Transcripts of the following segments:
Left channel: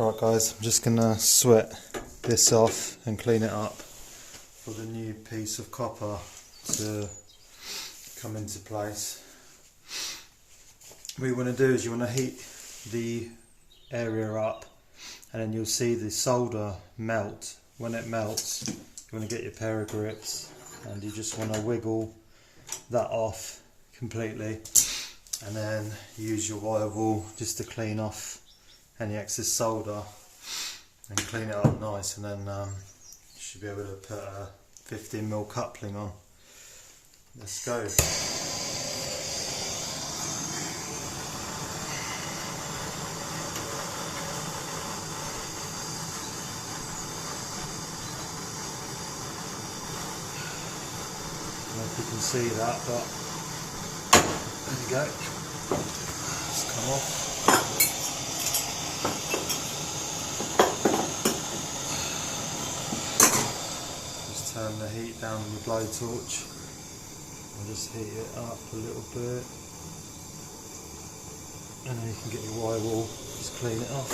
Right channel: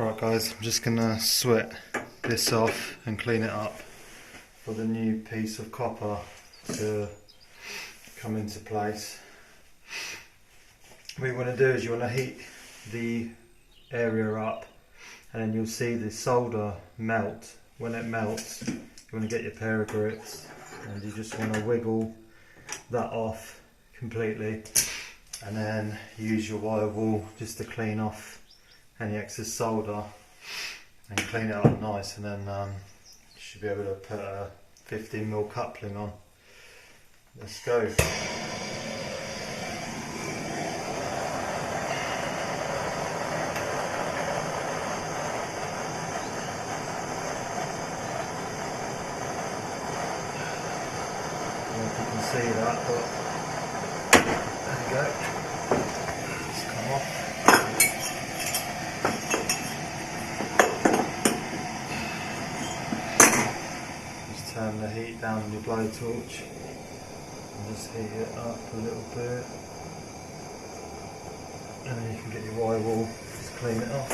Right guys, I'm just going to sweat this off and clean it up for the new piece of copper to come into place. What you want to do is you want to heat the area up and then you'll see the solder melt. When it melts, you want to get your pair of grips and you just want to wiggle that off completely and then use your wire wool just to clean off any excess solder and clean it up nice, and then you should be able to put a 15mm coupling on. Let's go. I don't know if you can see that, but there you go. Just come off. Turn the heat down on your blowtorch and just heat it up a little bit, and then you can get your wire wool, just clean it off,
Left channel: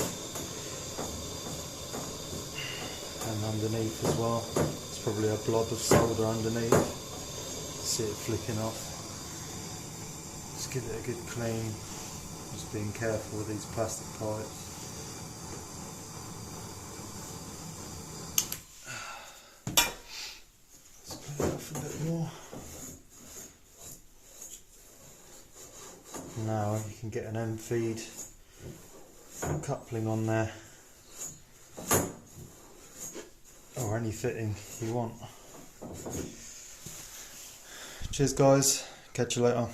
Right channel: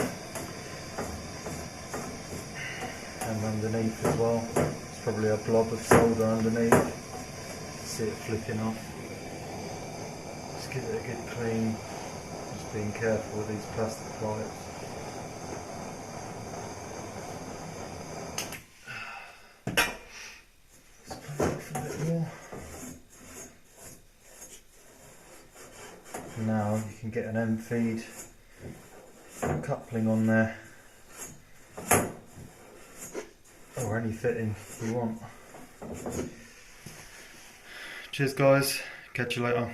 and underneath as well. It's probably a blob of solder underneath, see it flicking off. Just give it a good clean, just being careful with these plastic pipes. Now you can get an end feed coupling on there, or any fitting you want. Cheers guys, catch you later.